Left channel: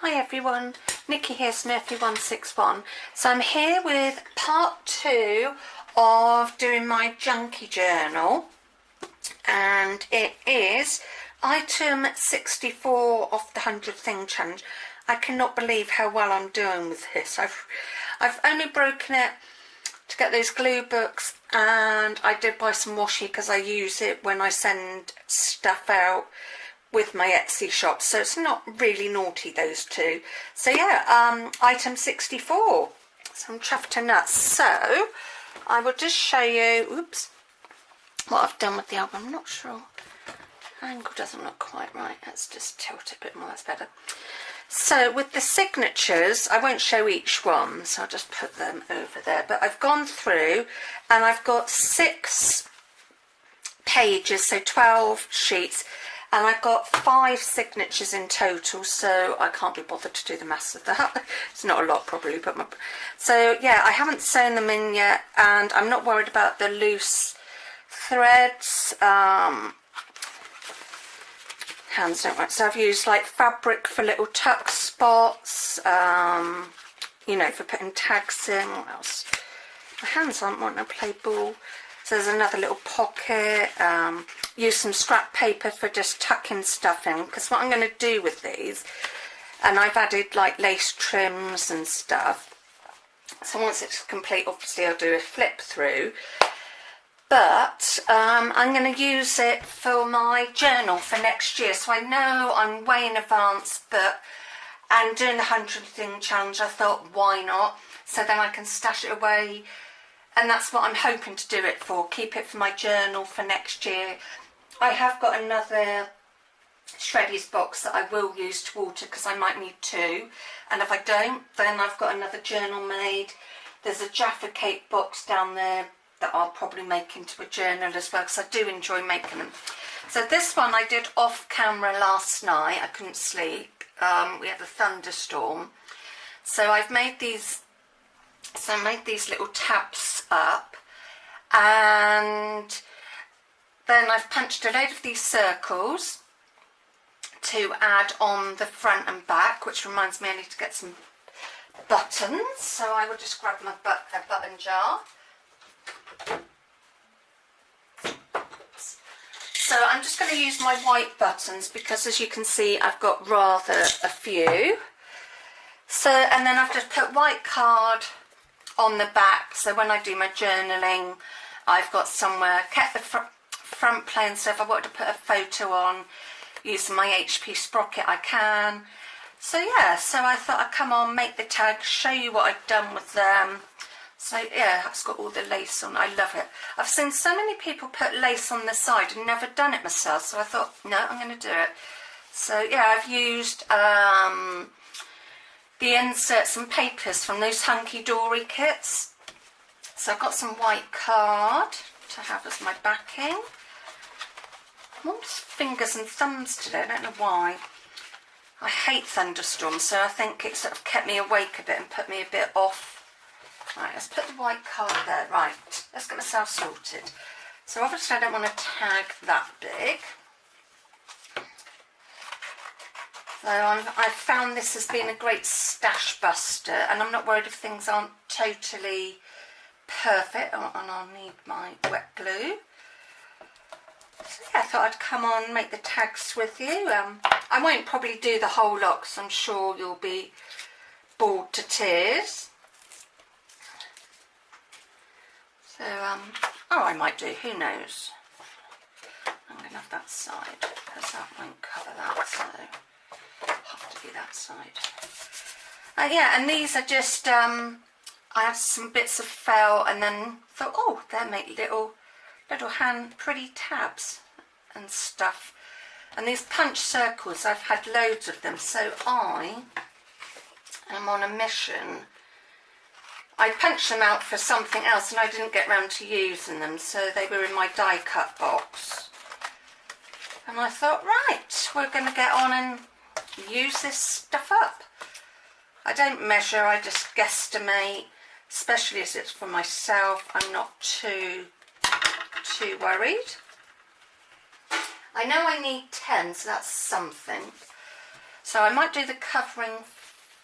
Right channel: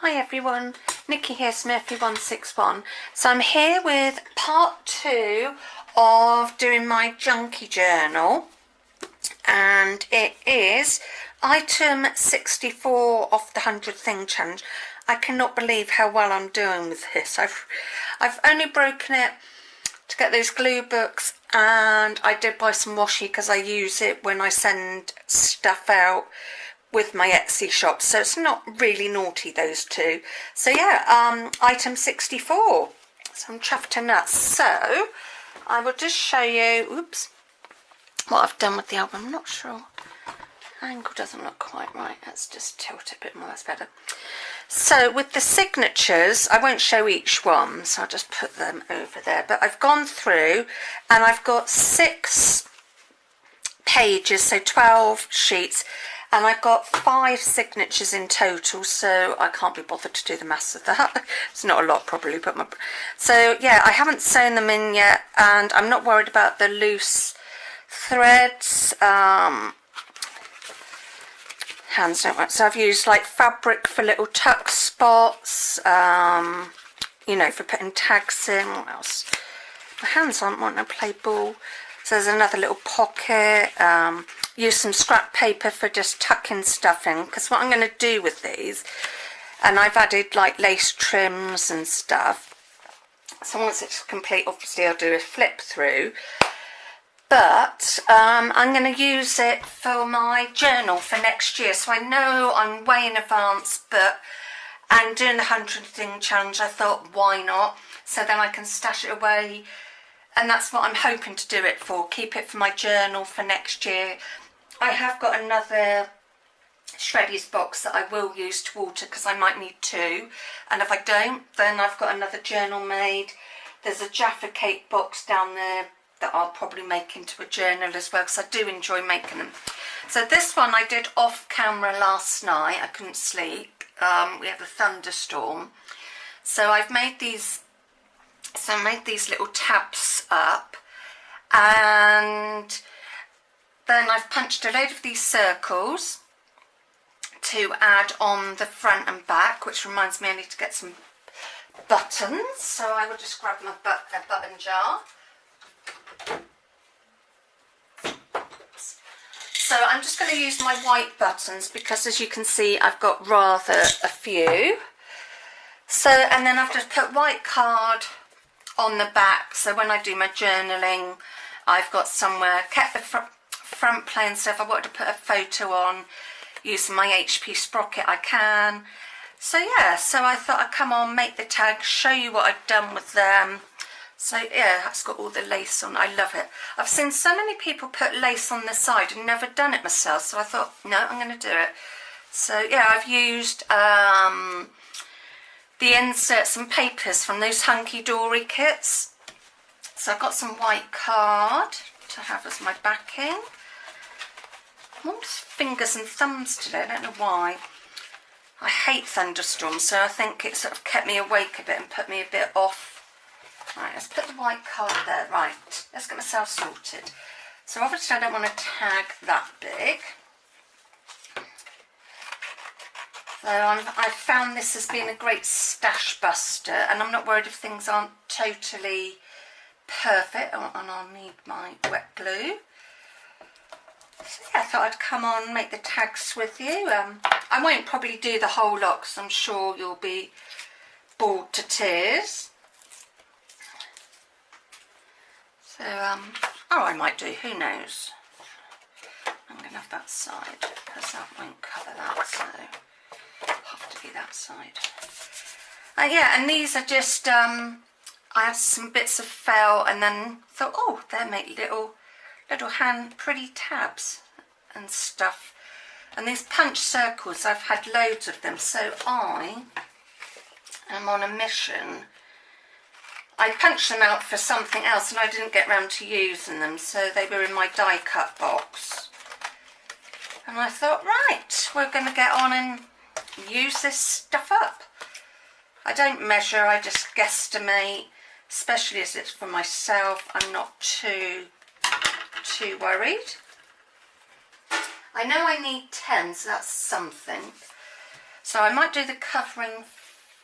Hi everyone, Nikki here, Smurfy161. So I'm here with part 2 of doing my junkie journal, and it is item 64 of the 100 thing challenge. I cannot believe how well I'm doing with this. I've only broken it to get those glue books, and I did buy some washi because I use it when I send stuff out with my Etsy shop, so it's not really naughty, those two. So yeah, item 64. So I'm chuffed to nuts. So I will just show you, oops, what I've done with the album. I'm not sure. Angle doesn't look quite right. Let's just tilt it a bit more. That's better. So with the signatures, I won't show each one, so I'll just put them over there. But I've gone through and I've got 6 pages, so 12 sheets. And I've got 5 signatures in total, so I can't be bothered to do the maths of that. It's not a lot probably, but so yeah, I haven't sewn them in yet, and I'm not worried about the loose threads. Hands don't work, so I've used like fabric for little tuck spots, you know, for putting tags in. What else? My hands aren't wanting to play ball. So there's another little pocket. Use some scrap paper for just tucking stuff in, because what I'm going to do with these, and I've added like lace trims and stuff, so once it's complete obviously I'll do a flip through, but I'm going to use it for my journal for next year. So I know I'm way in advance, but and doing the 100 thing challenge, I thought why not, so then I can stash it away. And that's what I'm hoping to do it for, keep it for my journal for next year. I have got another Shreddies box that I will use to water, because I might need 2. And if I don't, then I've got another journal made. There's a Jaffa Cake box down there that I'll probably make into a journal as well, because I do enjoy making them. So this one I did off camera last night. I couldn't sleep. We had a thunderstorm. So I've made these... So I made these little tabs up, and then I've punched a load of these circles to add on the front and back, which reminds me I need to get some buttons. So I will just grab my button jar. So I'm just going to use my white buttons, because as you can see I've got rather a few. So, and then I've just put white card on the back, so when I do my journaling I've got somewhere, kept the front plain, so if I wanted to put a photo on using my HP sprocket I can. So yeah, so I thought I'd come on, make the tag, show you what I've done with them. So yeah, it's got all the lace on. I love it. I've seen so many people put lace on the side and never done it myself, so I thought no, I'm going to do it. So yeah, I've used the inserts and papers from those hunky-dory kits. So I've got some white card to have as my backing. I'm almost fingers and thumbs today, I don't know why. I hate thunderstorms, so I think it sort of kept me awake a bit and put me a bit off. Right, let's put the white card there. Right, let's get myself sorted. So obviously I don't want to tag that big. So I've found this has been a great stash buster, and I'm not worried if things aren't totally perfect, and I'll need my wet glue. So yeah, I thought I'd come on and make the tags with you. I won't probably do the whole lot, because I'm sure you'll be bored to tears. So, oh, I might do, who knows. I'm going to have that side, because that won't cover that, so have to be that side. Yeah, and these are just I had some bits of felt, and then thought, oh, they make little hand pretty tabs and stuff. And these punch circles, I've had loads of them, so I am on a mission. I punched them out for something else and I didn't get round to using them, so they were in my die cut box, and I thought, right, we're going to get on and use this stuff up. I don't measure, I just guesstimate, especially as it's for myself. I'm not too worried. I know I need 10, so that's something. So I might do the covering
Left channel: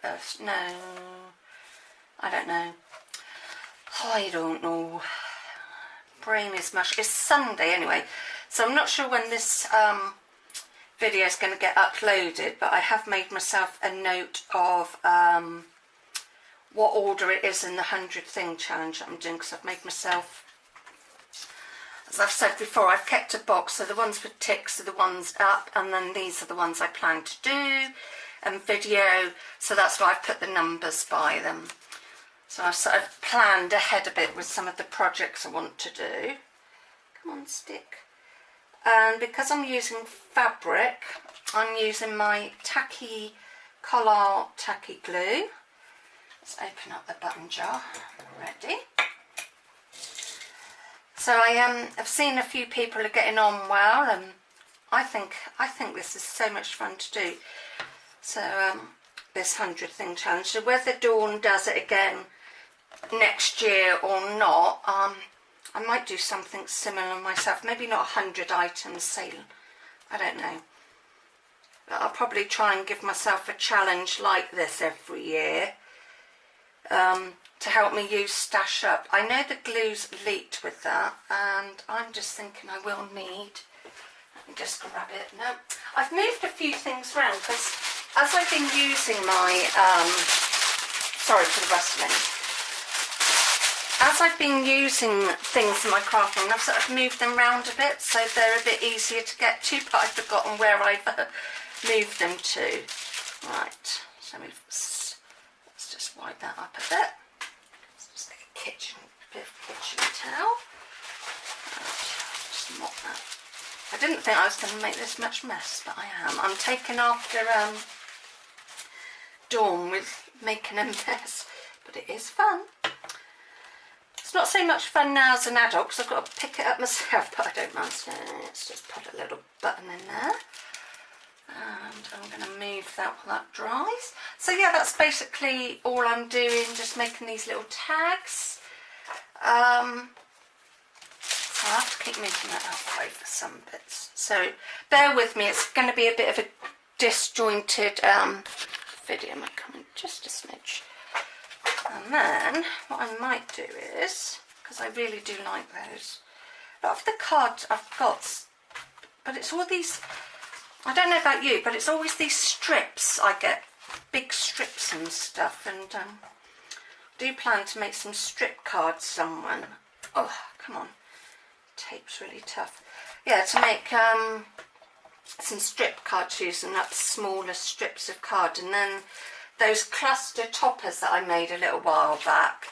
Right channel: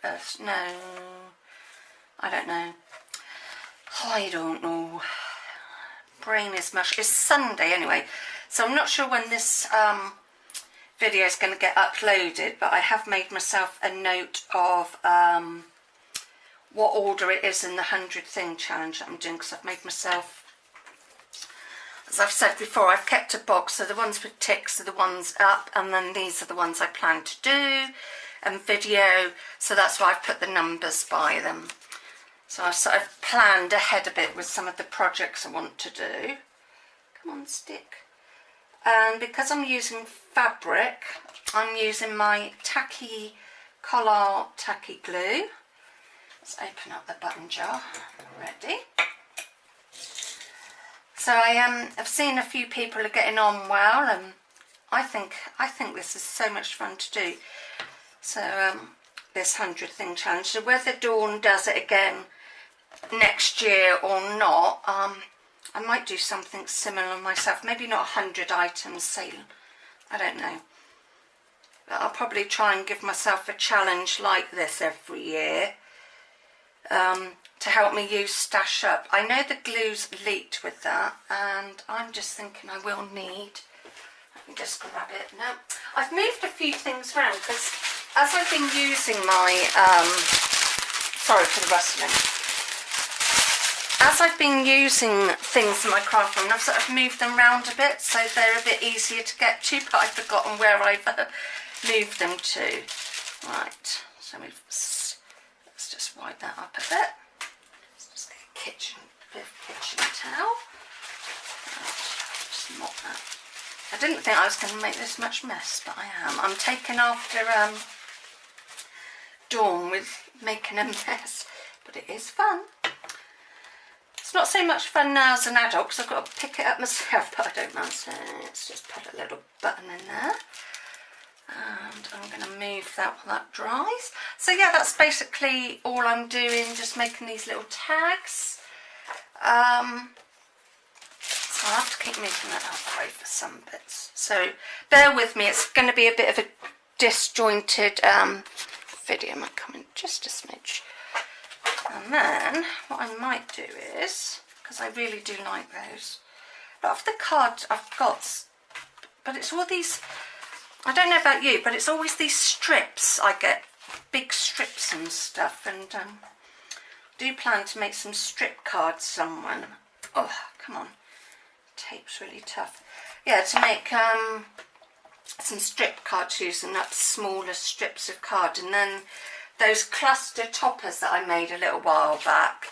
first. No, I don't know. I don't know. Brain is mush. It's Sunday anyway, so I'm not sure when this video is going to get uploaded, but I have made myself a note of what order it is in the 100 thing challenge that I'm doing, because I've made myself, as I've said before, I've kept a box, so the ones with ticks are the ones up, and then these are the ones I plan to do, and video, so that's why I've put the numbers by them. So I've sort of planned ahead a bit with some of the projects I want to do. Come on, stick. And because I'm using fabric, I'm using my tacky Collard tacky glue. Let's open up the button jar. Ready. So I've seen a few people are getting on well, and I think this is so much fun to do. So this 100 thing challenge. So whether Dawn does it again next year or not, I might do something similar myself. Maybe not 100 items sale. I don't know. But I'll probably try and give myself a challenge like this every year. To help me use Stash Up. I know the glue's leaked with that, and I'm just thinking I will need, let me just grab it. No, I've moved a few things around because as I've been using my, sorry for the rustling, as I've been using things in my craft room, I've sort of moved them around a bit so they're a bit easier to get to, but I've forgotten where I've moved them to. Right, so let's just wipe that up a bit. Let's just get a bit of kitchen towel. Just mop that. I didn't think I was going to make this much mess, but I am. I'm taking after Dawn with making a mess, but it is fun. It's not so much fun now as an adult because I've got to pick it up myself, but I don't mind. So let's just put a little button in there. And I'm going to move that while that dries. So yeah, that's basically all I'm doing, just making these little tags. So I'll have to keep moving that out of the way for some bits. So bear with me, it's going to be a bit of a disjointed video. I might come in just a smidge. And then what I might do is, because I really do like those, a lot of the cards I've got, but it's all these, I don't know about you, but it's always these strips. I get big strips and stuff, and do plan to make some strip cards somewhere. Oh, come on, tape's really tough. Yeah, to make some strip cards using up smaller strips of card, and then those cluster toppers that I made a little while back,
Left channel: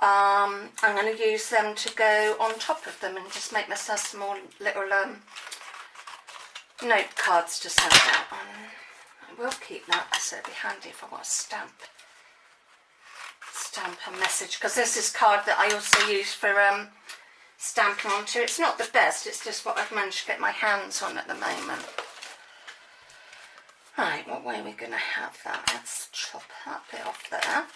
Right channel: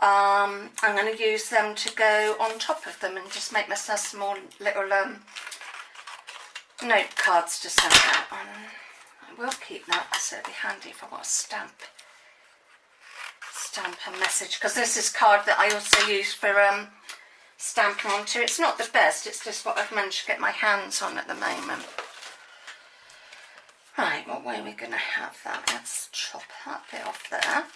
I'm going to use them to go on top of them and just make myself small little note cards to send out. I will keep that because it'll be handy if I want to stamp a message, because this is card that I also use for stamping onto. It's not the best, it's just what I've managed to get my hands on at the moment. Right, what way are we going to have that? Let's chop that bit off there.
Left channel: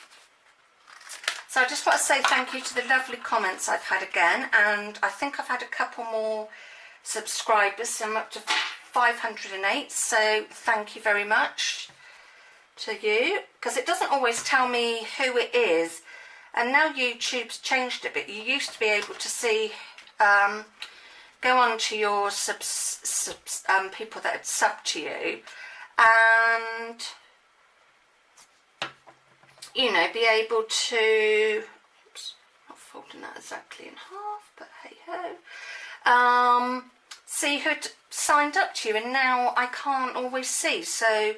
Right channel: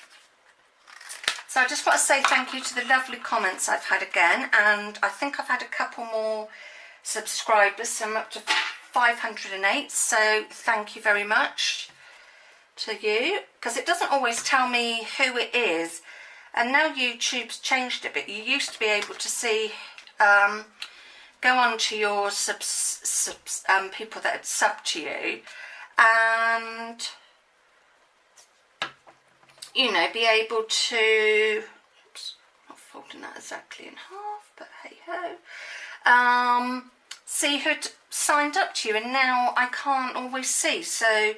So I just want to say thank you to the lovely comments I've had again, and I think I've had a couple more subscribers, so I'm up to 508, so thank you very much to you, because it doesn't always tell me who it is, and now YouTube's changed a bit. You used to be able to see, go on to your people that had subbed to you, and you know, be able to, oops, not folding that exactly in half, but hey ho, see who'd signed up to you, and now I can't always see. So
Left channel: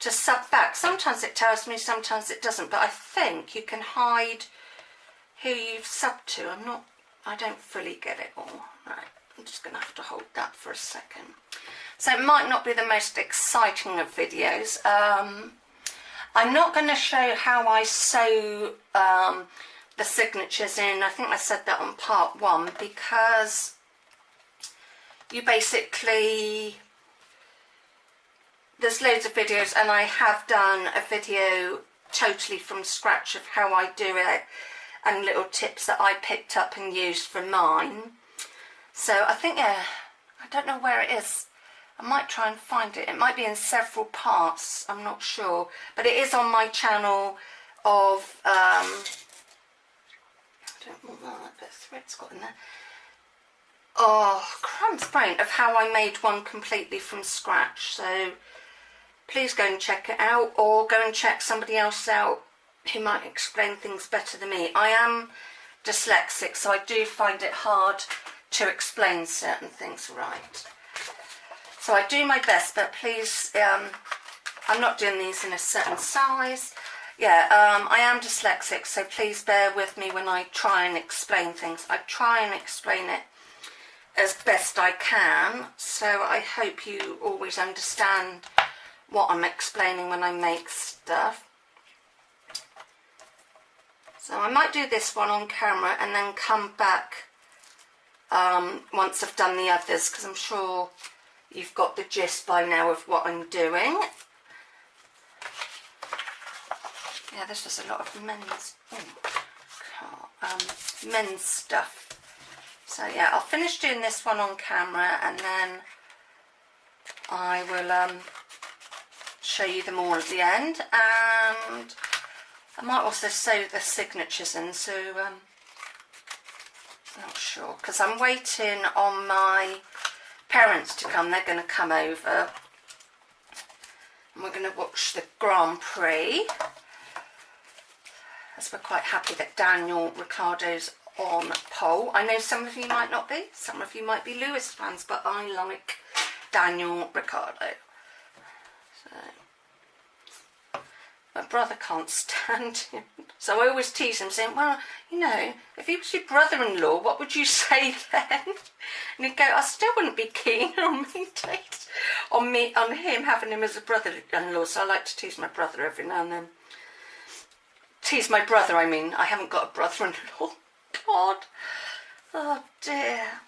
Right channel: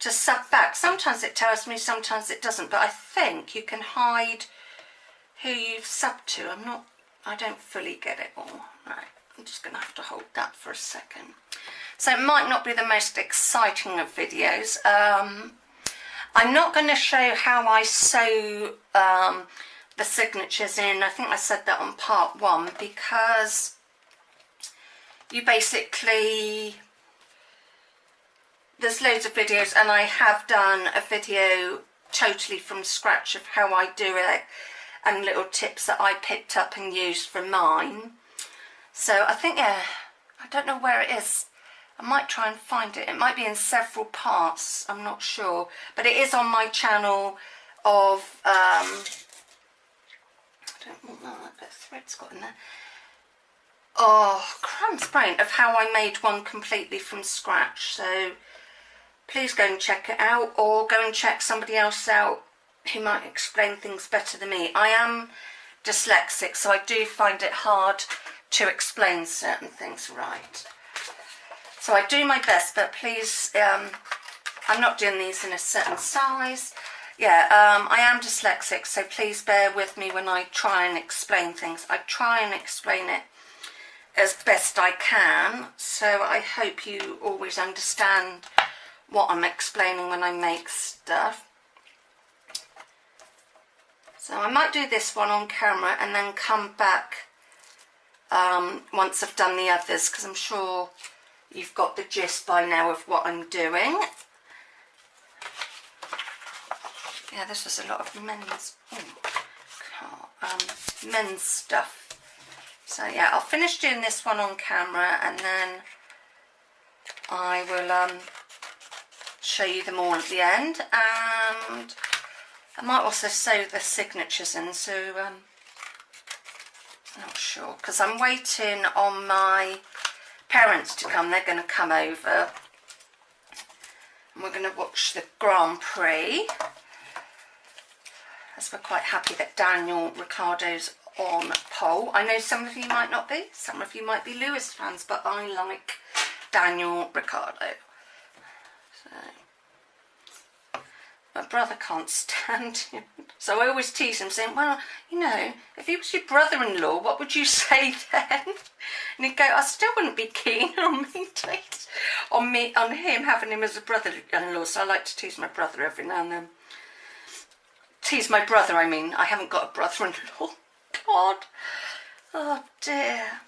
to sub back, sometimes it tells me, sometimes it doesn't, but I think you can hide who you've subbed to. I don't fully get it all. Right, I'm just going to have to hold that for a second. So it might not be the most exciting of videos. I'm not going to show how I sew the signatures in. I think I said that on part 1, because you basically, there's loads of videos, and I have done a video totally from scratch of how I do it and little tips that I picked up and used for mine. So I think, yeah, I don't know where it is. I might try and find it. It might be in several parts, I'm not sure. But it is on my channel of, I don't want that, but thread's got in there. Oh, crumbs brain, of how I made one completely from scratch. So please go and check it out, or go and check somebody else out who might explain things better than me. I am dyslexic, so I do find it hard to explain certain things right. So I do my best, but please, I'm not doing these in a certain size. Yeah, I am dyslexic, so please bear with me when I try and explain things. I try and explain it as best I can, so I hope you always understand what I'm explaining when I make stuff. So I might do this one on camera and then come back once I've done the others, because I'm sure you've got the gist by now of what I'm doing. Yeah, this was a lot of men's stuff. So yeah, I'll finish doing this one on camera, and then I will show you them all at the end, and I might also sew the signatures in, so I'm not sure, because I'm waiting on my parents to come. They're going to come over and we're going to watch the Grand Prix, as we're quite happy that Daniel Ricciardo's on pole. I know some of you might not be, some of you might be Lewis fans, but I like Daniel Ricciardo. So my brother can't stand him, so I always tease him, saying, well, you know, if he was your brother-in-law, what would you say then? And he'd go, I still wouldn't be keen on on him having him as a brother-in-law. So I like to tease my brother every now and then. Tease my brother, I mean. I haven't got a brother-in-law. God. Oh dear.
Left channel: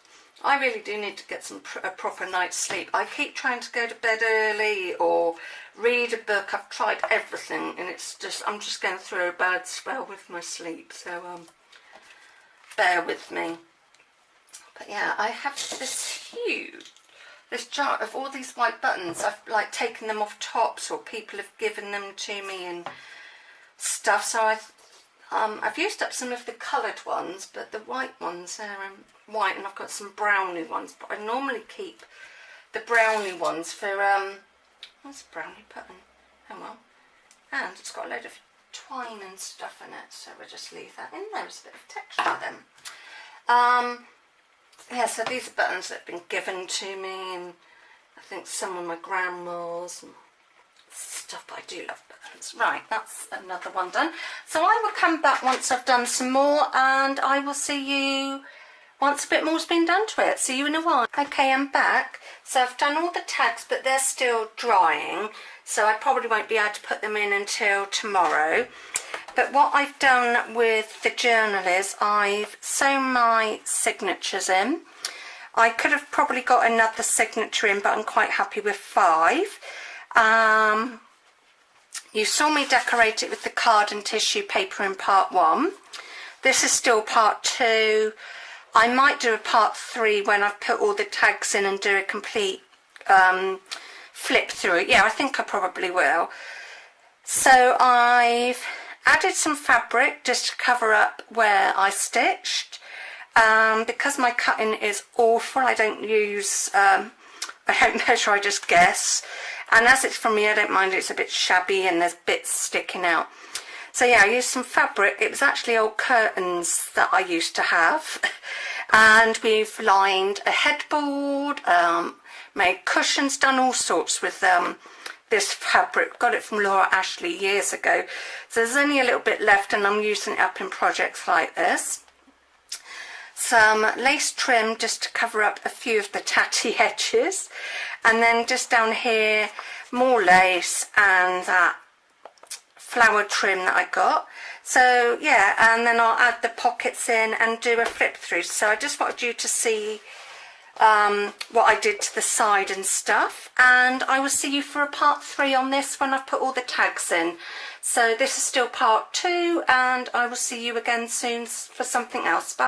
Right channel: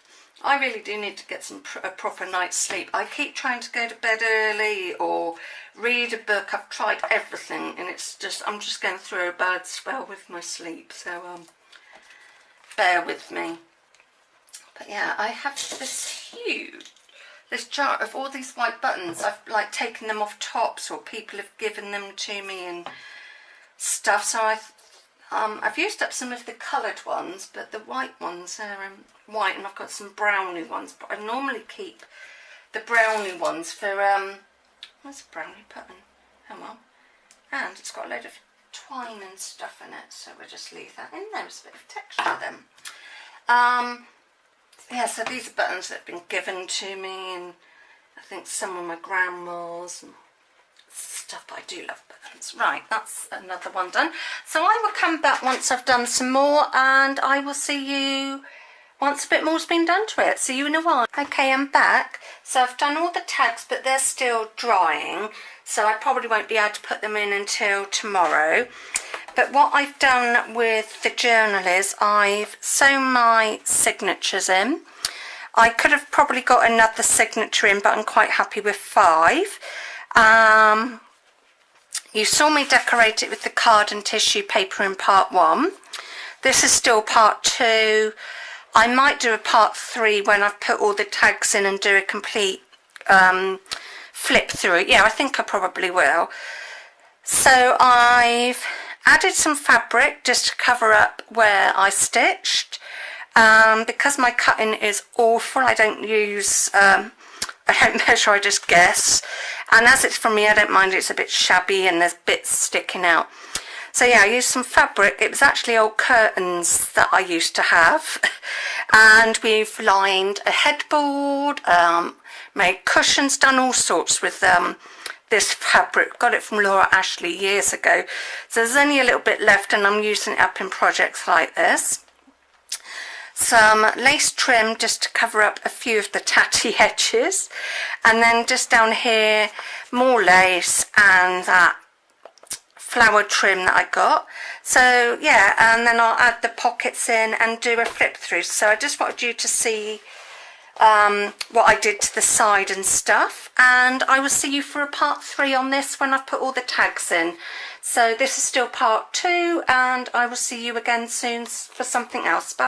I really do need to get a proper night's sleep. I keep trying to go to bed early or read a book. I've tried everything, and it's just, I'm just going through a bad spell with my sleep. So bear with me. But yeah, I have this jar of all these white buttons. I've like taken them off tops, or people have given them to me and stuff. So I've used up some of the coloured ones, but the white ones are white, and I've got some brownie ones. But I normally keep the brownie ones for where's the brownie button? Oh well. And it's got a load of twine and stuff in it, so we'll just leave that in there. There's a bit of texture then. Yeah, so these are buttons that have been given to me, and I think some of my grandma's and stuff. But I do love buttons. Right, that's another one done. So I will come back once I've done some more, and I will see you once a bit more's been done to it. See you in a while. Okay, I'm back. So I've done all the tags, but they're still drying, so I probably won't be able to put them in until tomorrow. But what I've done with the journal is I've sewn my signatures in. I could have probably got another signature in, but I'm quite happy with 5. You saw me decorate it with the card and tissue paper in part 1. This is still part 2. I might do a part 3 when I've put all the tags in and do a complete flip through it. Yeah, I think I probably will. So I've added some fabric just to cover up where I stitched. Because my cutting is awful, I don't use, I don't measure, I just guess. And as it's from me, I don't mind it's a bit shabby and there's bits sticking out. So yeah, I used some fabric. It was actually old curtains that I used to have. And we've lined a headboard, made cushions, done all sorts with this fabric. Got it from Laura Ashley years ago. So there's only a little bit left, and I'm using it up in projects like this. Some lace trim just to cover up a few of the tatty edges, and then just down here more lace and that flower trim that I got. So yeah, and then I'll add the pockets in and do a flip through. So I just wanted you to see what I did to the side and stuff, and I will see you for a part 3 on this when I've put all the tags in. So this is still part 2, and I will see you again soon for something else. Bye.